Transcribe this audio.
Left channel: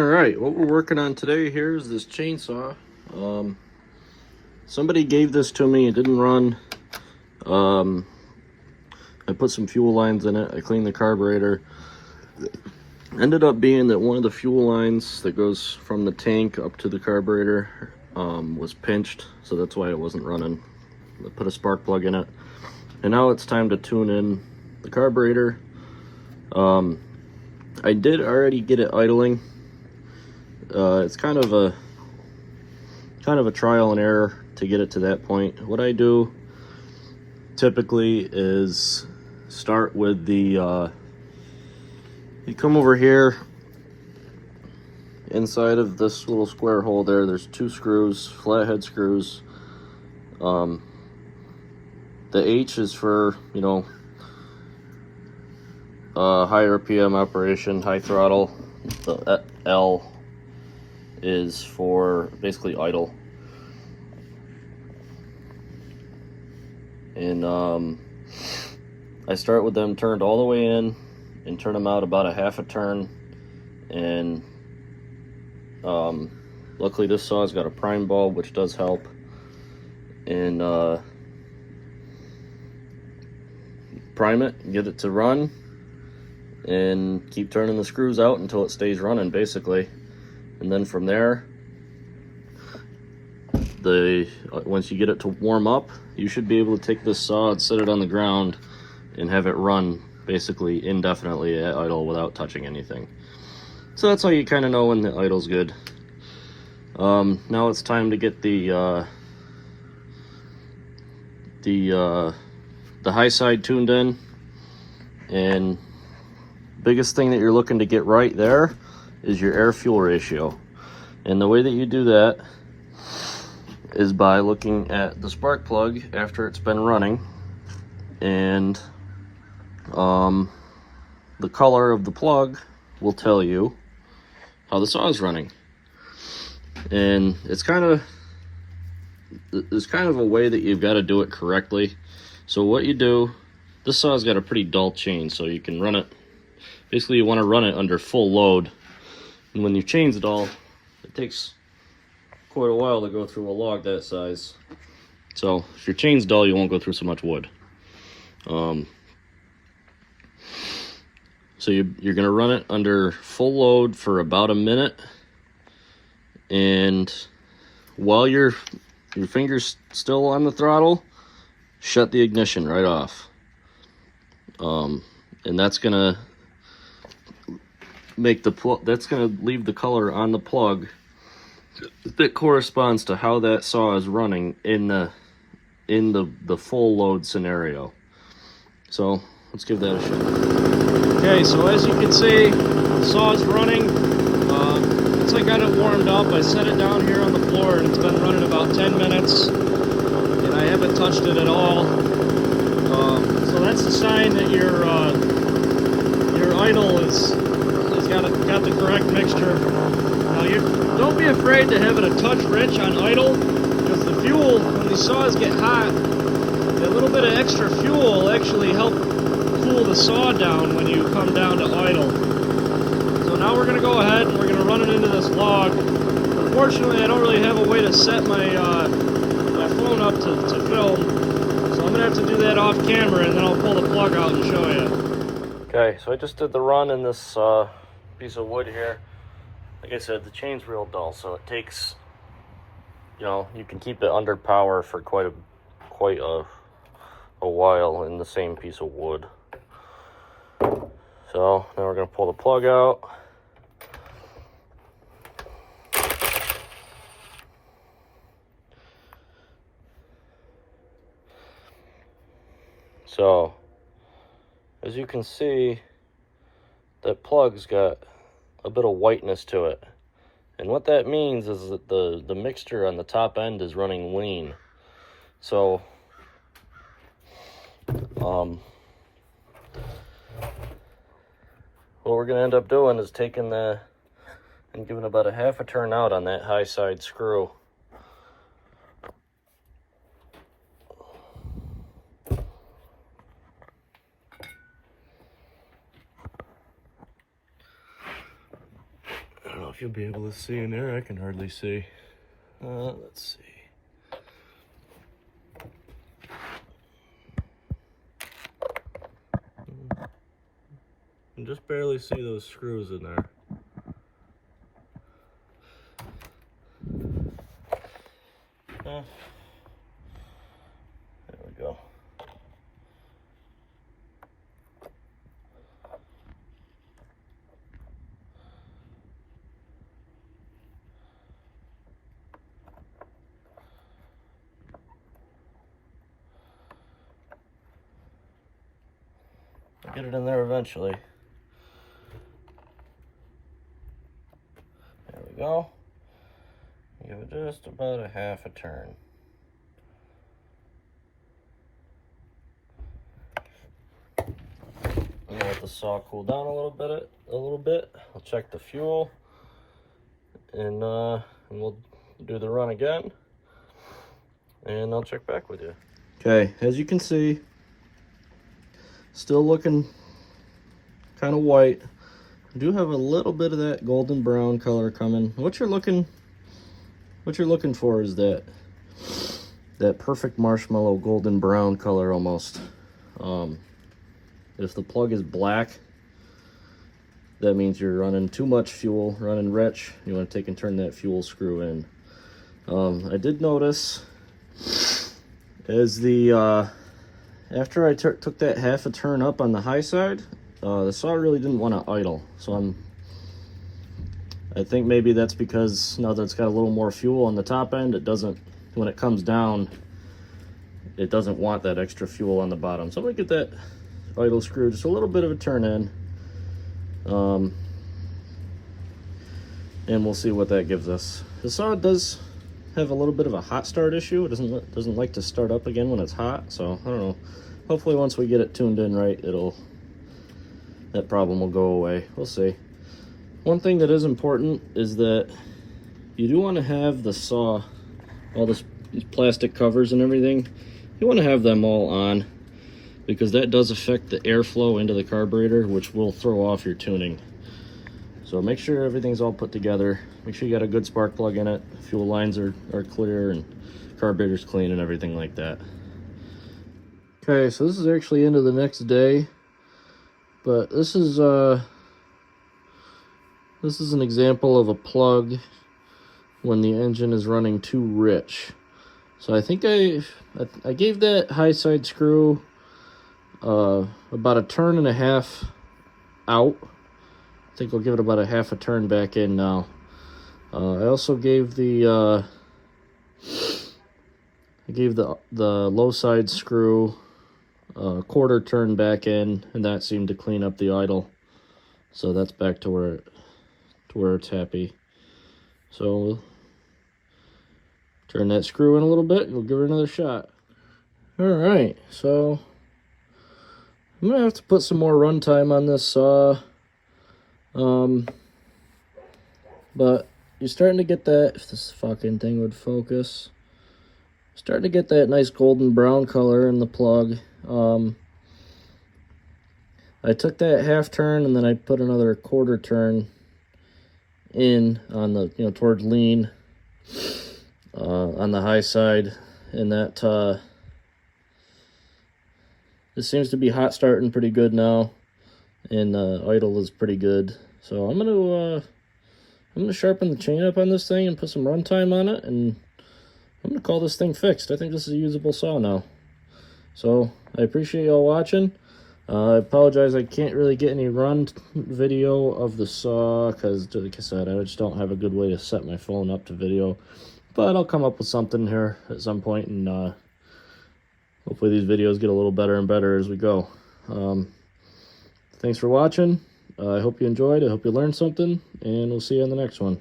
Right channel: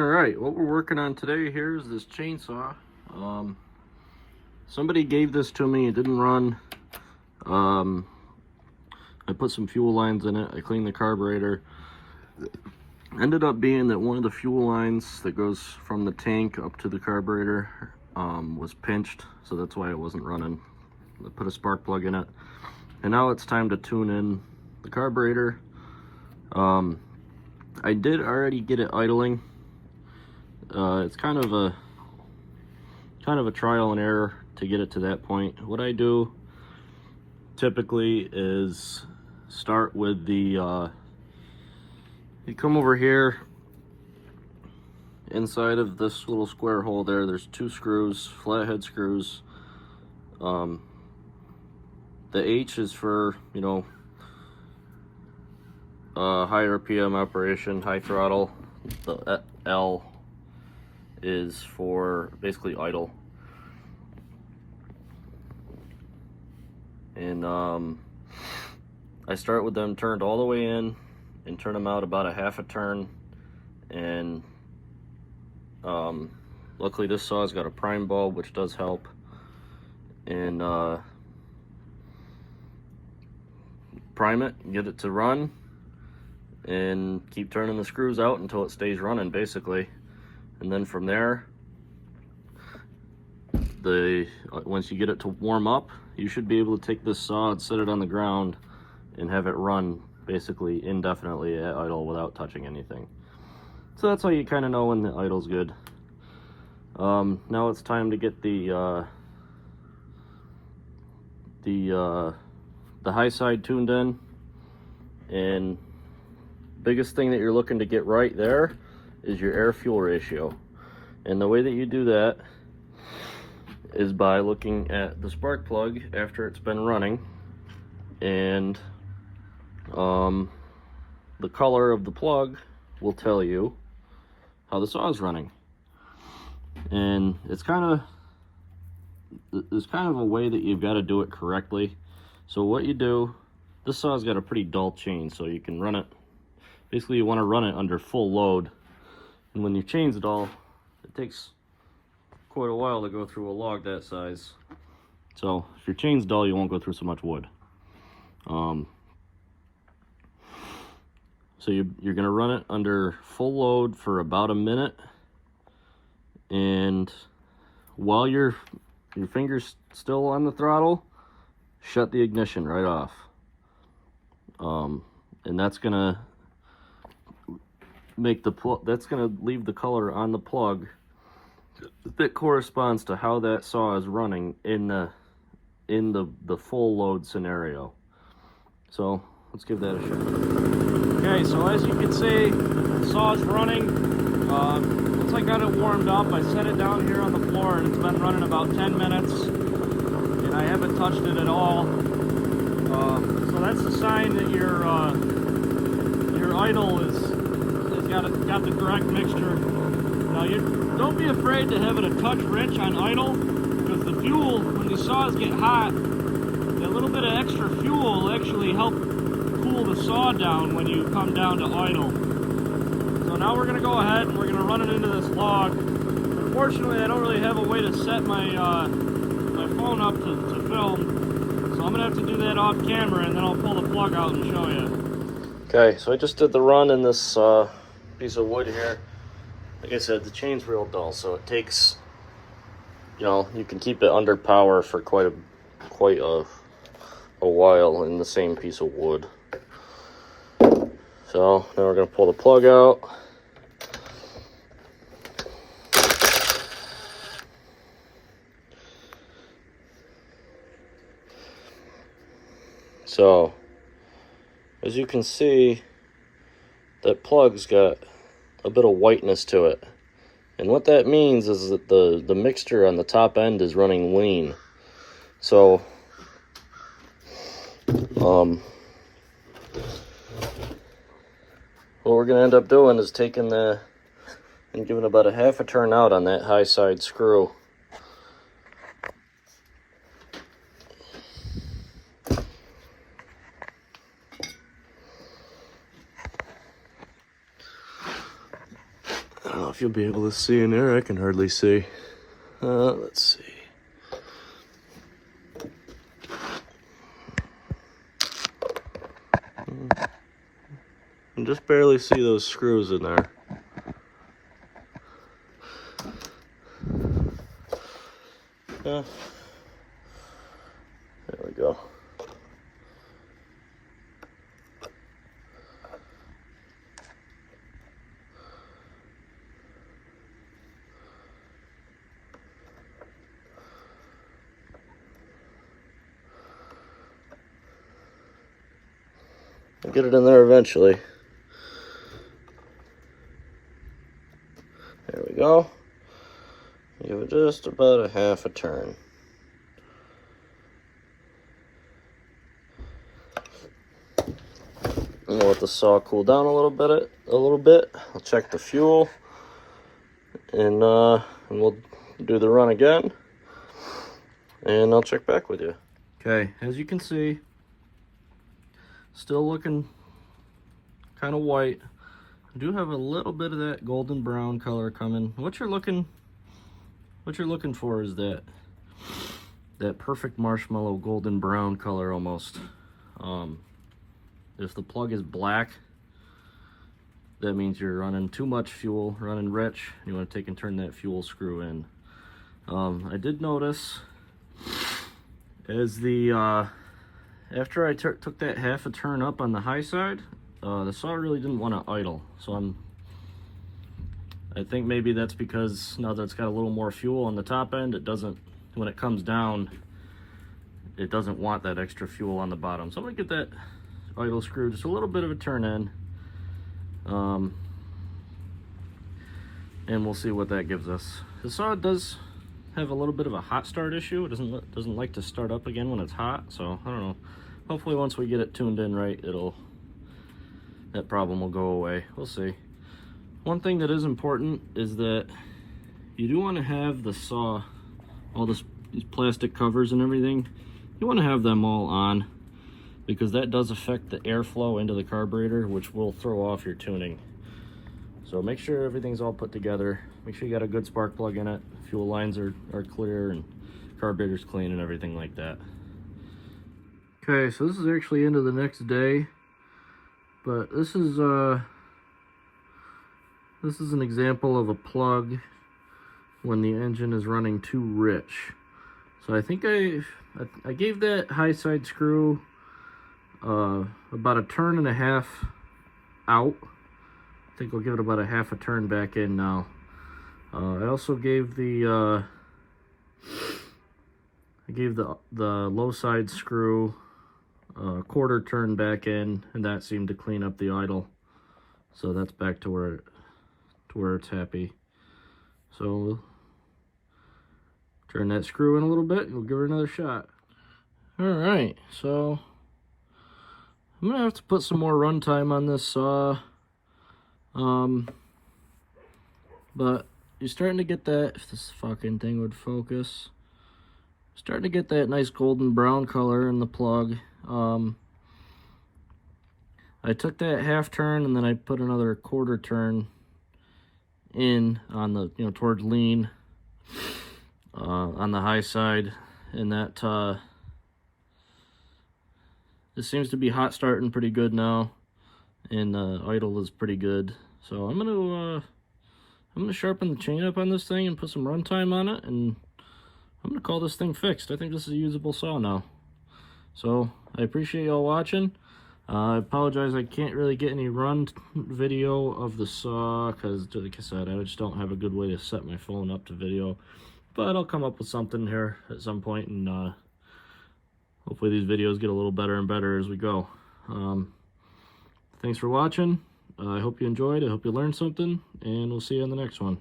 Alright, what we're working on today here is this chainsaw. Somebody gave this to me, it didn't run. I put some fuel lines in it, I cleaned the carburetor. Ended up being that one of the fuel lines that goes from the tank up to the carburetor was pinched, so that's why it wasn't running. I put a spark plug in it, and now it's time to tune in the carburetor. I did already get it idling. It's kind of a trial and error to get it to that point. What I do typically is start with the you come over here inside of this little square hole there. There's two screws, flathead screws. The H is for, you know, high RPM operation, high throttle. The L is for basically idle. And I start with them turned all the way in and turn them out about a half a turn. And luckily this saw's got a prime bulb, which does help. And prime it, get it to run, and keep turning the screws out until it stays running, basically. And then from there, once you get it to warm up, you should be able to take this saw and set it on the ground and have it run basically indefinitely at idle without touching anything. So that's how you kind of know when the idle's good. Now it's time to get the high side tuned in, and biggest thing that you're looking to get right there is your air fuel ratio. And the way that you do that is by looking at the spark plug after it's been running, and the color of the plug will tell you how the saw is running. And it's kind of a way that you've got to do it correctly. So what you do, this saw's got a pretty dull chain, so you can run it, basically you want to run it under full load. And when you chains it all, it takes quite a while to go through a log that size. So if your chain's dull, you won't go through so much wood. So you're gonna run it under full load for about a minute, and while your finger's still on the throttle, shut the ignition right off. And that's gonna make that's gonna leave the color on the plug that corresponds to how that saw is running in the full load scenario. So let's give that a shot. Okay, so as you can see, the saw is running. Once I got it warmed up, I set it down here on the floor, and it's been running about 10 minutes, and I haven't touched it at all. So that's the sign that your idle has got the correct mixture. Now don't be afraid to have it a touch rich on idle, because the fuel, when these saws get hot, a little bit of extra fuel will actually help cool the saw down when you come down to idle. So now we're going to go ahead and we're going to run it into this log. Unfortunately, I don't really have a way to set my my phone up to film, so I'm going to have to do that off camera, and then I'll pull the plug out and show you. Okay, so I just did the run in this piece of wood here. Like I said, the chain's real dull, so it takes, you know, you can keep it under power for quite a while in the same piece of wood. So now we're going to pull the plug out. So as you can see, that plug's got a bit of whiteness to it. And what that means is that the mixture on the top end is running lean. So what we're going to end up doing is taking and giving about a half a turn out on that high side screw. don't know if you'll be able to see in there. I can hardly see. Let's see. I can just barely see those screws in there. Yeah. There we go. I'll get it in there eventually. There we go. Give it just about a half a turn. I'm gonna let the saw cool down a little bit. I'll check the fuel, and we'll do the run again, and I'll check back with you. Okay, as you can see, still looking kind of white. I do have a little bit of that golden brown color coming. What you're looking for is that perfect marshmallow golden brown color almost. If the plug is black, that means you're running too much fuel, running rich. You want to take and turn that fuel screw in. I did notice as after I took that half a turn up on the high side, the saw really didn't want to idle. So I think maybe that's because now that it's got a little more fuel on the top end, it doesn't, when it comes down, it doesn't want that extra fuel on the bottom. So I'm gonna get that idle screw just a little bit of a turn in, and we'll see what that gives us. The saw does have a little bit of a hot start issue. It doesn't like to start up again when it's hot, so I don't know. Hopefully once we get it tuned in right, that problem will go away. We'll see. One thing that is important is that you do want to have the saw, all these plastic covers and everything, you want to have them all on, because that does affect the airflow into the carburetor, which will throw off your tuning. So make sure everything's all put together. Make sure you got a good spark plug in it, fuel lines are clear, and carburetor's clean and everything like that. Okay, so this is actually into the next day, but this is an example of a plug when the engine is running too rich. So I think I gave that high side screw about a turn and a half out. I think I'll give it about a half a turn back in now. I also gave the low side screw a quarter turn back in, and that seemed to clean up the idle. So that's back to where it's happy. So we'll turn that screw in a little bit and we'll give her another shot. All right, so I'm gonna have to put some more run time on this saw. But you're starting to get that, if this fucking thing would focus, starting to get that nice golden brown color in the plug. I took that half turn and then I put another quarter turn in on the, towards lean, on the high side, and that this seems to be hot starting pretty good now, and idle is pretty good. So I'm gonna sharpen the chain up on this thing and put some run time on it, and I'm gonna call this thing fixed. I think this is a usable saw now. So I appreciate y'all watching. I apologize I can't really get any run video of the saw because, like I said, I just don't have a good way to set my phone up to video. But I'll come up with something here at some point, and hopefully these videos get a little better and better as we go. Thanks for watching. I hope you enjoyed. I hope you learned something, and we'll see you on the next one.